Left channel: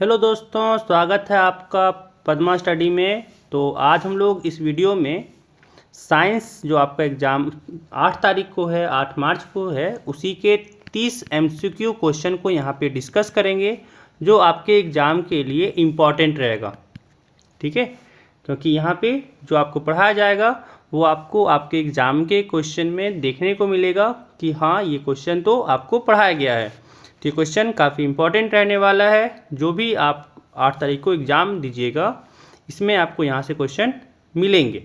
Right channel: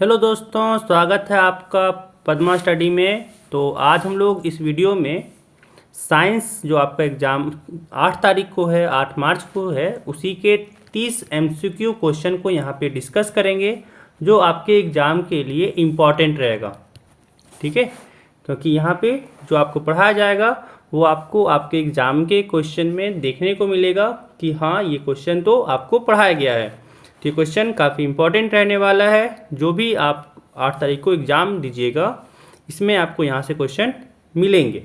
Hello दोस्तों, स्वागत है आपका पद्मा स्टडी में। तो आज हम लोग इस वीडियो में साइंस जो आपका एग्ज़ाम 8 तारीख को है, 8 मार्च को है, उसी के 30 एमसीक्यू क्वेश्चन को यहाँ पे डिस्कस करेंगे जो आपके एग्ज़ाम के लिए इम्पॉर्टेंट रहेगा। ठीक है, क्योंकि यहाँ पे जो आपको पढ़ाया जाएगा वो आपको आपके एग्ज़ाम के क्वेश्चन में देखने को मिलेगा कि हाँ, ये क्वेश्चन तो आपको पढ़ाया गया है। तो ये क्वेश्चन काफ़ी इम्पोर्टेंट रहने वाला है। जो भी आप 8 तारीख को एग्ज़ाम दीजिएगा, इसमें आपको यहाँ से क्वेश्चन मिलेंगे।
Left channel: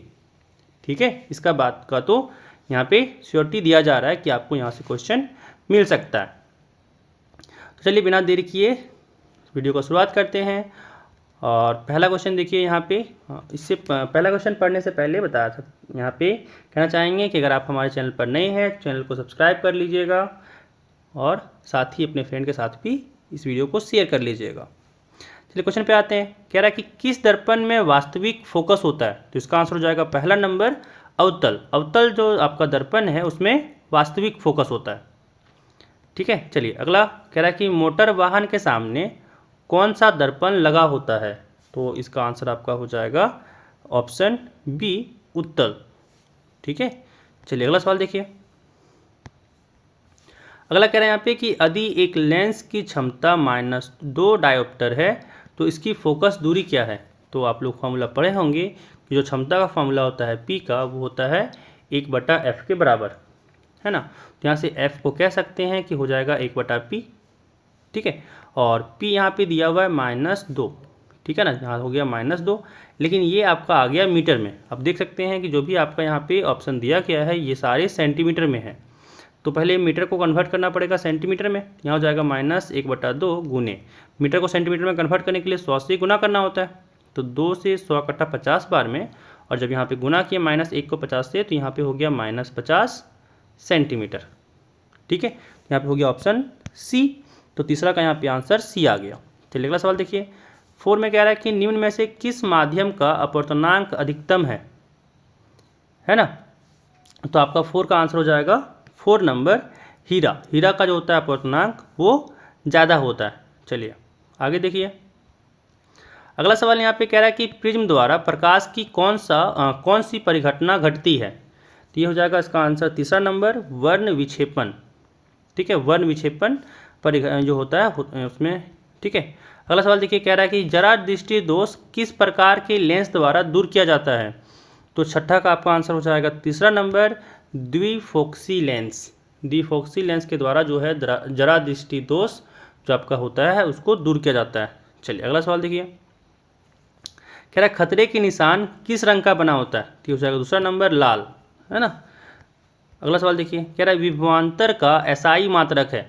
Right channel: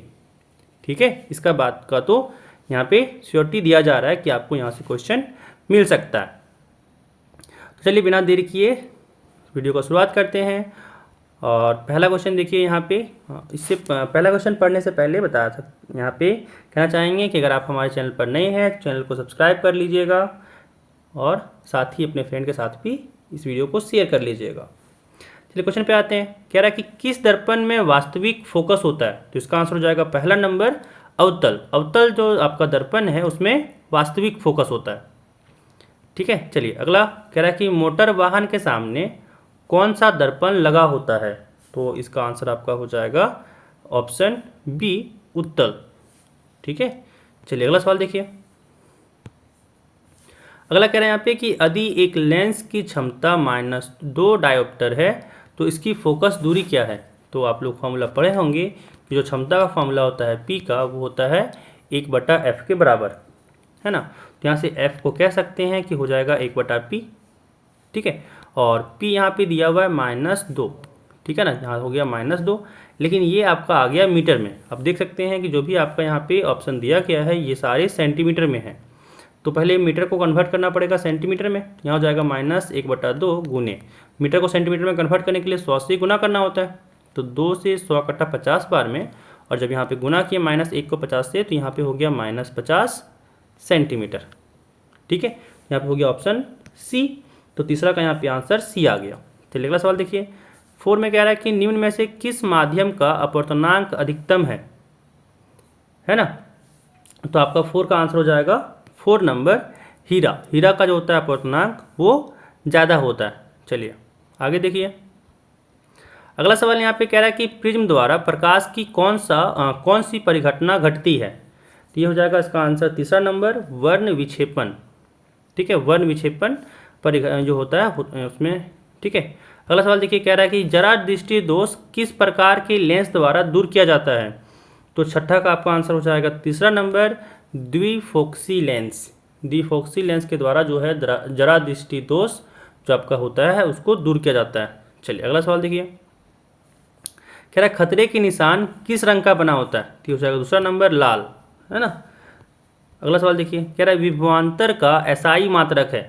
ठीक है, इसका बात का तो यहाँ पे श्योरिटी दिया जा रहा है कि आपको यहाँ से क्वेश्चन मिल सकता है। तो चलिए बिना देरी किए वीडियो को शुरुआत करते हैं। और पहला क्वेश्चन देखिए यहाँ पे। इससे पहला क्वेश्चन पढ़ने से पहले बताया था, यहाँ पे कहना चाहेंगे कि अगर आप हमारे चैनल पर नए हैं चैनल को सब्सक्राइब कर लीजिएगा और साथ ही अपने फ्रेंड के साथ भी इस वीडियो को शेयर कर लीजिएगा। चलिए क्वेश्चन पे आते हैं। कह रहा है कि किस दर्पण में वास्तविक फोकस होता है? तो इसका आंसर हो जाएगा पहला नंबर अवतल। अवतल जो आपका दर्पण है उसमें वास्तविक फोकस होता है। ठीक है, चलिए अगला कह रहा है कि मोटर वाहन के सामने कौन सा दर्पण लगा होता है? तो इसका आंसर आपका हो जाएगा ऑप्शन बी, उत्तल। ठीक है, चलिए अगला सवाल देखिए। अगला कह रहे हैं यहाँ पे कि यदि एक लेंस की क्षमता -2 डायोप्टर है तो इसकी फोकस दूरी क्या है? तो आप लोग फॉर्मूला पढ़े होंगे कि जो क्षमता का फॉर्मूला होता है पी का, वो होता है 1/f के बराबर, है ना। तो यहाँ से f को कह सकते हैं कि हो जाएगा 1/p। ठीक है, और p यहाँ पे दिया हुआ है -2। ठीक है ना, यहाँ हो गया -2, लेकिन ये आपका आ गया मीटर में। आप देख सकते हैं कि जो भी आपका यहाँ पे ऑप्शन दिया गया है ये सारे सेंटीमीटर में है। तो पहले मीटर को कन्वर्ट करना पड़ेगा सेंटीमीटर में। यहाँ हो जाएगा -1/2 गुने मीटर को सेंटीमीटर में कन्वर्ट करने के लिए 100 से गुना करना होता है। तो 2 से 100 कट्टा 50 बार में, और जब यहाँ पे गुना किया -1 को 50 से, तो यहाँ पे हो गया -50 सेंटीमीटर। ठीक है, यहाँ पे हो गया ऑप्शन सी। तो तीसरा का यहाँ पे आंसर सी आ गया। चलिए अगला सवाल देखिए। 4 में कह रहा है कि निम्न में से किस माध्यम का अपवर्तनांक अधिकतम है ना। तो आपका 4 का आंसर हो जाएगा 4 नंबर हीरा। हीरा का जो होता है अपवर्तनांक वो ज़्यादा होता है। चलिए आगे देखिए। अगला सवाल यहाँ पे कह रहा है कि प्रिज्म द्वारा प्रकाश की कौन सी परिघटना घटती है? तो ये हो जाएगा इसका आंसर तीसरा नंबर, वर्ण विक्षेपण। ठीक है, वर्ण विक्षेपण जो होता है उसमें। ठीक है, अगला सवाल देखिए। कह रहा है कि जरा दृष्टि दोष किस प्रकार के लेंस द्वारा दूर किया जाता है? तो छठा का आपका आंसर हो जाएगा तीसरा नंबर, द्विफोक्सी लेंस। द्विफोक्सी लेंस के द्वारा जो है जरा दृष्टि दोष जो आपका होता है उसको दूर किया जाता है। चलिए अगला सवाल देखिए। कह रहा है खतरे के निशान किस रंग का बना होता है? तो हो जाएगा दूसरा नंबर, लाल, है ना। अगला सवाल देखिए। कह रहा है विभवांतर का एसआई मात्रक है?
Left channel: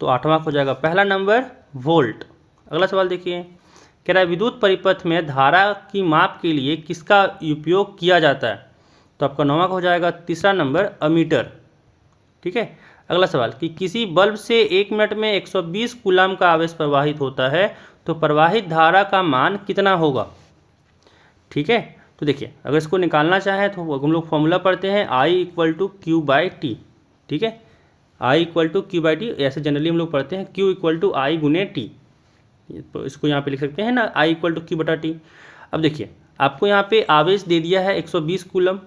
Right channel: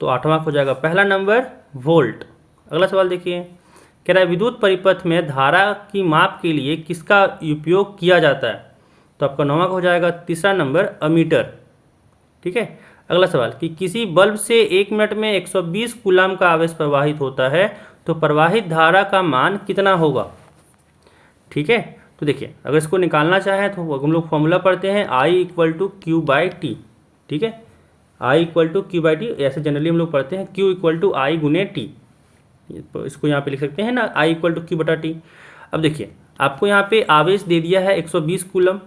तो 8वां हो जाएगा पहला नंबर, वोल्ट। अगला सवाल देखिए। कह रहा है विद्युत परिपथ में धारा की माप के लिए किसका उपयोग किया जाता है? तो आपका 9वां हो जाएगा तीसरा नंबर, अमीटर। ठीक है, अगला सवाल कि किसी बल्ब से 1 मिनट में 120 कूलम का आवेश प्रवाहित होता है तो प्रवाहित धारा का मान कितना होगा? ठीक है, तो देखिए अगर इसको निकालना चाहें तो हम लोग फॉर्मूला पढ़ते हैं I = Q/T। ठीक है, I = Q/T, ऐसे जनरली हम लोग पढ़ते हैं Q = I × T। इसको यहाँ पे लिख सकते हैं ना, I = Q/T। अब देखिए आपको यहाँ पे आवेश दे दिया है 120 कूलम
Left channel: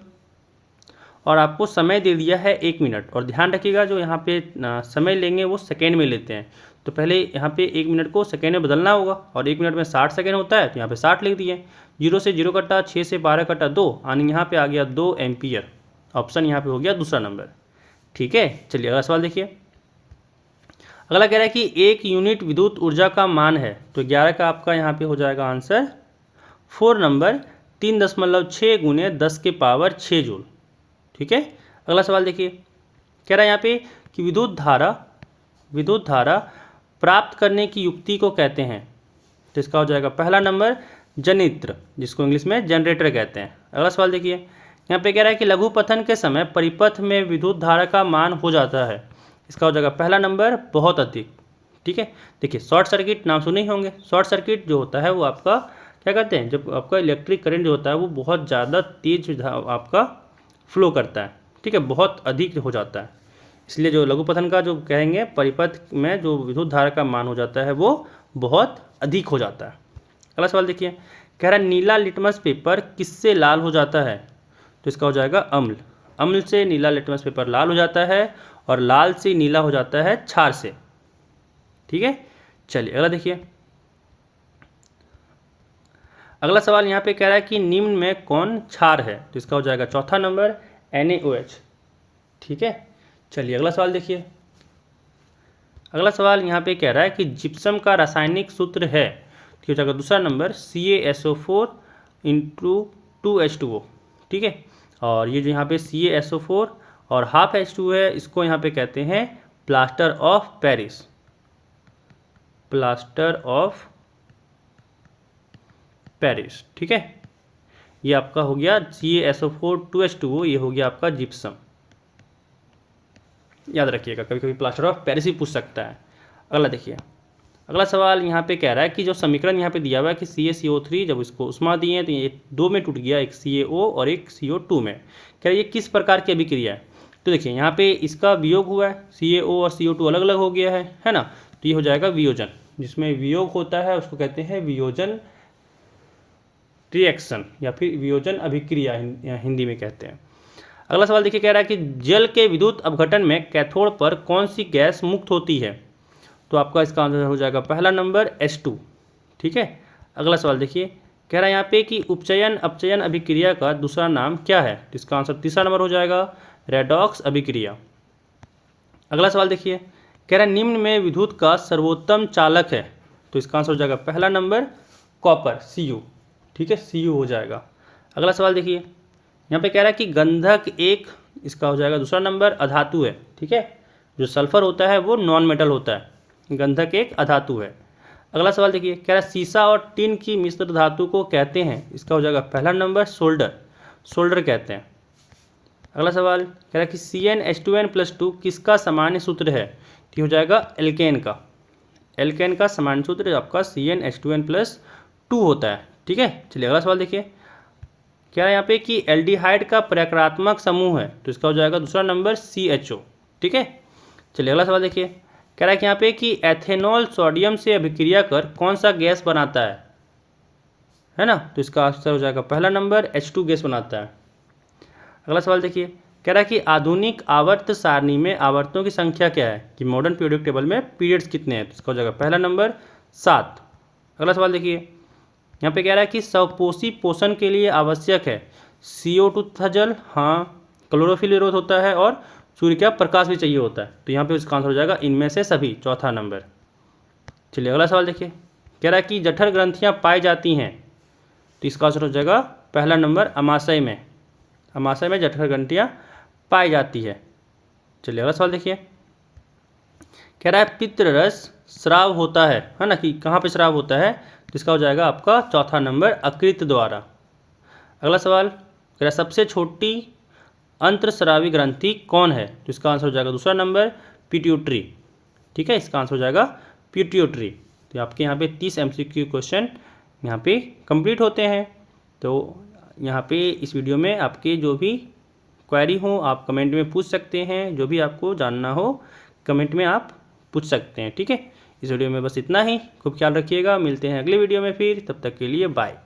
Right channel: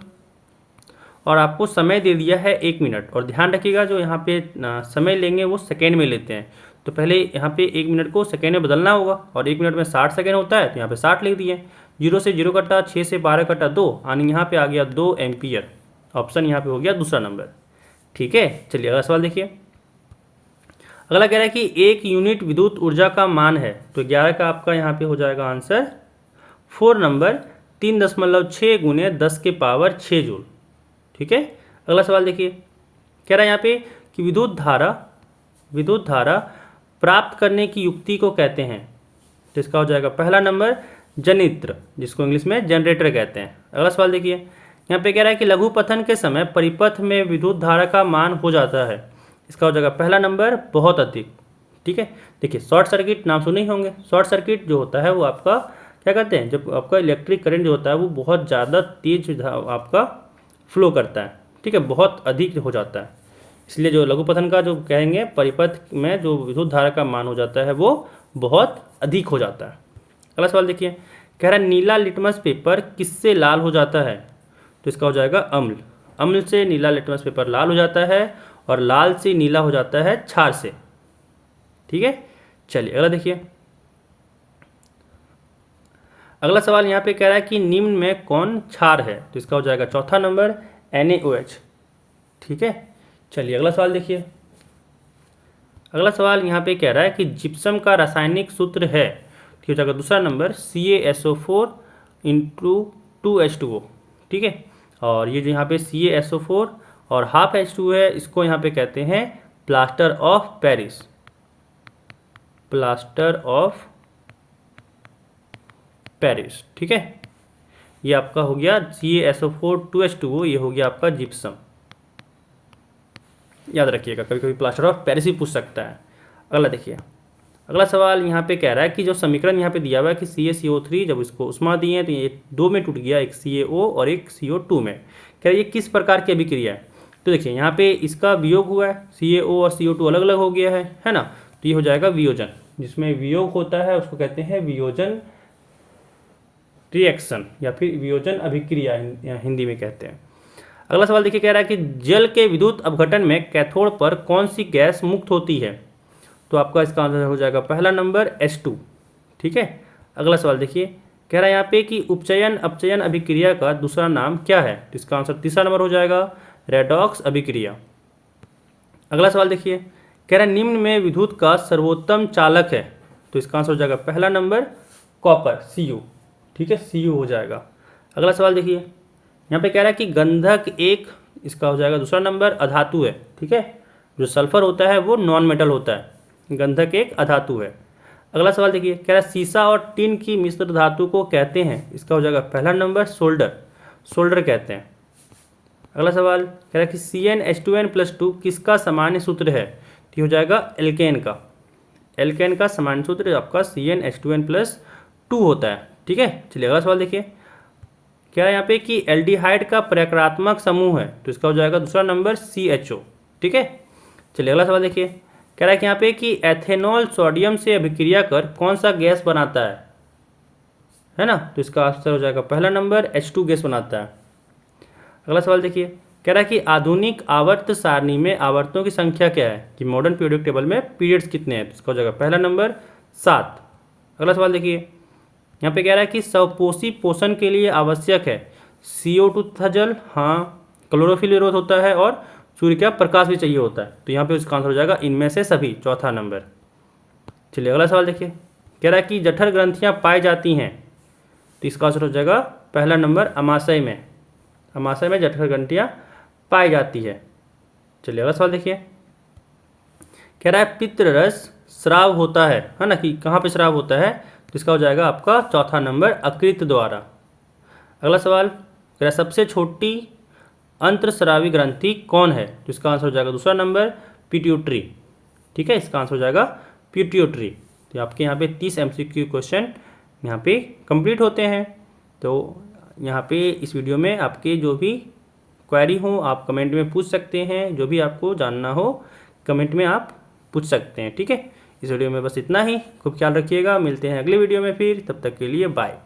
और आपको समय दे दिया है 1 मिनट। और ध्यान रखिएगा जो यहाँ पे समय लेंगे वो सेकेंड में लेते हैं। तो पहले यहाँ पे 1 मिनट को सेकेंड में बदलना होगा, और 1 मिनट में 60 सेकेंड होता है, तो यहाँ पे 60 लिख दिए। 0 से 0 कटा, 6 से 12 कटा 2, यानी यहाँ पे आ गया 2 एम्पियर। ऑप्शन यहाँ पे हो गया दूसरा नंबर। ठीक है, चलिए अगला सवाल देखिए। अगला कह रहा है कि 1 यूनिट विद्युत ऊर्जा का मान है? तो 11 का आपका यहाँ पे हो जाएगा आंसर 4 नंबर, 3.6 × 10⁻6 जूल। ठीक है, अगला सवाल देखिए। कह रहा है यहाँ पे कि विद्युत धारा प्राप्त करने की युक्ति को कहते हैं? तो इसका हो जाएगा पहला नंबर, जनित्र, जिसको इंग्लिश में जनरेटर कहते हैं। अगला सवाल देखिए। यहाँ पे कह रहा है कि लघुपथन के समय परिपथ में विद्युत धारा का मान हो जाता है? इसका हो जाएगा पहला नंबर, बहुत अधिक। ठीक है, देखिए शॉर्ट सर्किट नाम सुने ही होंगे। शॉर्ट सर्किट जो होता है वो आपका क्या करते हैं, जब आपका इलेक्ट्रिक करंट जो होता है वो बहुत ज़्यादा तेज आपका फ्लो करता है। ठीक है, बहुत अधिक हो जाता है। इसलिए जो लघुपठन का जो कहेंगे परिपथ में जो विद्युत धारा का मान हो जाता है वो बहुत अधिक हो जाता है। अगला सवाल देखिए, कह रहा है नीला लिटमस पेपर किससे लाल हो जाता है? तो इसका हो जाएगा अम्ल। अम्ल से नीला लिटमस पेपर लाल हो जाता है और लाल से नीला हो जाता है क्षार से। ठीक है, चलिए अगला देखिए। अगला सवाल यहाँ पे कह रहा है कि निम्न में कौन क्षार है? तो इसका हो जाएगा चौथा नंबर NaOH। ठीक है, चलिए अगला सवाल देखिए। अगला सवाल यहाँ पे कह रहा है कि जिप्सम का रासायनिक सूत्र है, तो हो जाएगा दूसरा नंबर CaSO4 इंटू 2H2O। ठीक है, और ये जो यहाँ पे CaSO4 और हाफ H2 है, इसको यहाँ पे कहते हैं plaster of Paris. Plaster of Paris. ठीक है, ये आपका हो गया CaSO4 2H2O, ये हो गया आपका जिप्सम। याद रखिएगा, कभी कभी प्लास्टर ऑफ पेरिस भी पूछ सकता है। अगला देखिए। अगला सवाल यहाँ पे कह रहा है कि जो समीकरण यहाँ पे दिया हुआ है कि CaCO3 जब इसको उष्मा दिए हैं तो ये दो में टूट गया, एक CaO और एक CO2 में। कह रहा है ये किस प्रकार की अभिक्रिया है? तो देखिए यहाँ पे इसका वियोग हुआ है, CaO और CO2 अलग अलग हो गया है ना, तो ये हो जाएगा वियोजन। जिसमें वियोग होता है उसको कहते हैं वियोजन रिएक्शन या फिर वियोजन अभिक्रिया हिंदी में कहते हैं। अगला सवाल देखिए, कह रहा है कि जल के विद्युत अपघटन में कैथोड पर कौन सी गैस मुक्त होती है? तो आपका इसका आंसर हो जाएगा पहला नंबर H2। ठीक है, अगला सवाल देखिए, कह रहा है यहाँ पे कि उपचयन अपचयन अभिक्रिया का दूसरा नाम क्या है? तो इसका आंसर तीसरा नंबर हो जाएगा रेडॉक्स अभिक्रिया। अगला सवाल देखिए, कह रहा है निम्न में विद्युत का सर्वोत्तम चालक है, तो इसका आंसर हो जाएगा पहला नंबर कॉपर Cu। ठीक है, Cu हो जाएगा। अगला सवाल देखिए, यहाँ पे कह रहा है कि गंधक एक, इसका हो जाएगा दूसरा नंबर अधातु है। ठीक है, जो सल्फर होता है वो नॉन मेटल होता है, गंधक एक अधातु है। अगला सवाल देखिए, कह रहा है सीसा और टिन की मिश्र धातु को कहते हैं, इसका हो जाएगा पहला नंबर सोल्डर। सोल्डर कहते हैं। अगला सवाल कह रहा है कि CnH2n+2 किसका सामान्य सूत्र है? तो हो जाएगा एल्केन का। एल्केन का सामान्य सूत्र आपका CnH2n+2 होता है। ठीक है, चलिए अगला सवाल देखिए, क्या है यहाँ पे कि एल्डिहाइड का प्रकारात्मक समूह है, तो इसका हो जाएगा दूसरा नंबर CHO। ठीक है, चलिए अगला सवाल देखिए, कह रहा है कि यहाँ पे कि एथेनॉल सोडियम से अभिक्रिया कर कौन सा गैस बनाता है ना, तो इसका आंसर हो जाएगा पहला नंबर H2 गैस बनाता है। अगला सवाल देखिए, कह रहा है कि आधुनिक आवर्त सारणी में आवर्तों की संख्या क्या है? कि मॉडर्न पीरियोडिक टेबल में पीरियड्स कितने हैं? तो इसका हो जाएगा पहला नंबर 7। अगला सवाल देखिए, यहाँ पे कह रहा है कि स्वपोषी पोषण के लिए आवश्यक है CO2 तथा जल, हाँ, क्लोरोफिल विरोध होता है और सूर्य का प्रकाश भी चाहिए होता है, तो यहाँ पे उसका आंसर हो जाएगा इनमें से सभी, चौथा नंबर। चलिए अगला सवाल देखिए, कह रहा है कि जठर ग्रंथियाँ पाई जाती हैं, तो इसका आंसर हो जाएगा पहला नंबर अमाशय में। अमाशय में जठर ग्रंथियाँ पाई जाती है। चलिए अगला सवाल देखिए, कह रहा है पित्तरस स्राव होता है ना, कि कहाँ पे स्राव होता है? तो इसका हो जाएगा आपका चौथा नंबर अकृत द्वारा। अगला सवाल कह रहा है सबसे छोटी अंतरस्रावी ग्रंथि कौन है? तो इसका आंसर हो जाएगा दूसरा नंबर पिट्यूटरी। ठीक है, इसका आंसर हो जाएगा पिट्यूटरी। तो आपके यहाँ पे 30 MCQ क्वेश्चन यहाँ पे कंप्लीट होते हैं। तो यहाँ पे इस वीडियो में आपके जो भी क्वेरी हो आप कमेंट में पूछ सकते हैं, जो भी आपको जानना हो कमेंट में आप पूछ सकते हैं। ठीक है, इस वीडियो में बस इतना ही। खूब ख्याल रखिएगा, मिलते हैं अगले वीडियो में फिर, तब तक के लिए बाय।